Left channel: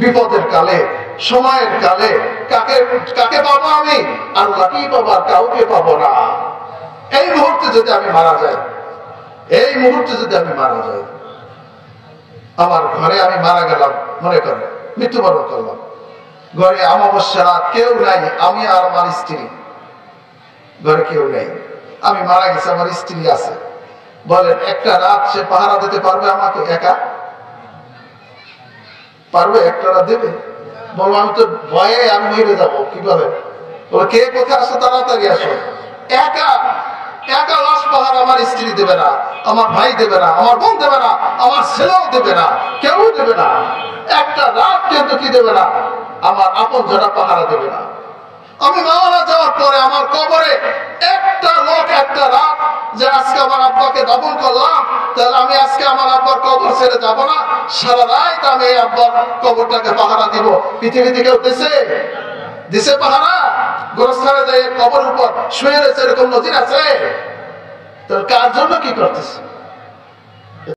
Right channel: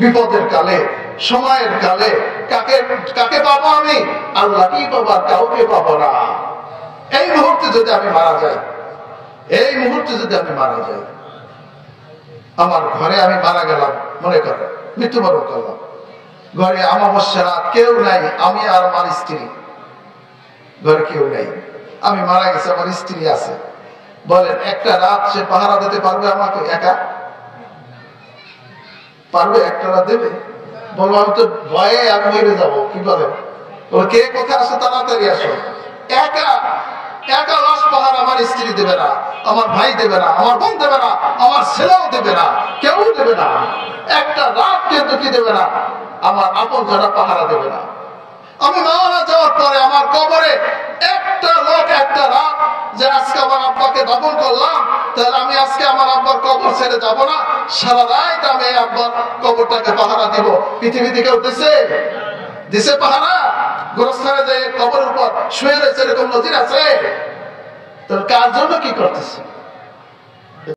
বিপদের কালে, সময়ের কালে কাকে কাকে পাবো? আমি আল্লাহকেই পাবো, আর কাউকে পাবো না। এই মুহূর্তে যদি আমি মারা যাই, এই মুহূর্তে যদি আমি মারা যাই, আমার ঘরে আমি মারা গেলাম, মনে করে মৃত্যুবরণ করলাম, ঘরে অমাবস্যা রাত, কেউ নাই, আমি আর আমার স্ত্রী, ঘরে কেউ নেই, আমি মারা গেছি, আমার স্ত্রী আছে। বলেন একটা রাত সে পাহারা দিতে পারবে আমাকে? একা পারবে? একটা রাত দেবে? বলবো আমি তো ভয়ে আমি মরে যাবো, কিভাবে? বলো কে কোথায় আসো, তাড়াতাড়ি আসো। একা একা লাশ পাহারা আমার স্ত্রী দেবে না, আমার ভাই দেবে না, আমার বোন দেবে না, আমার ছেলেও দেবে না, কেউ দেবে না। একটা রাত কিন্তু কি দেবে না, আমার আপন জনা পাহারা দেবে না। আমি মারা যাওয়ার পরে আমার কবরে একটা লোক একটা রাত, যে আজকে আমার আব্বাকে দাফন করলাম, তাহলে আমি আজকে আমার আব্বার কবর ছেড়ে যাব না, সারা রাত আমি এই আব্বার কবরটাকে পাহারা দিব। পৃথিবীতে কেউ দিছে পাহারা? গোরস্থানে যাই কবর উপর শুয়ে রয়েছে, এরকম নজির আছে? তাহলে কার জন্য কি করতেছে?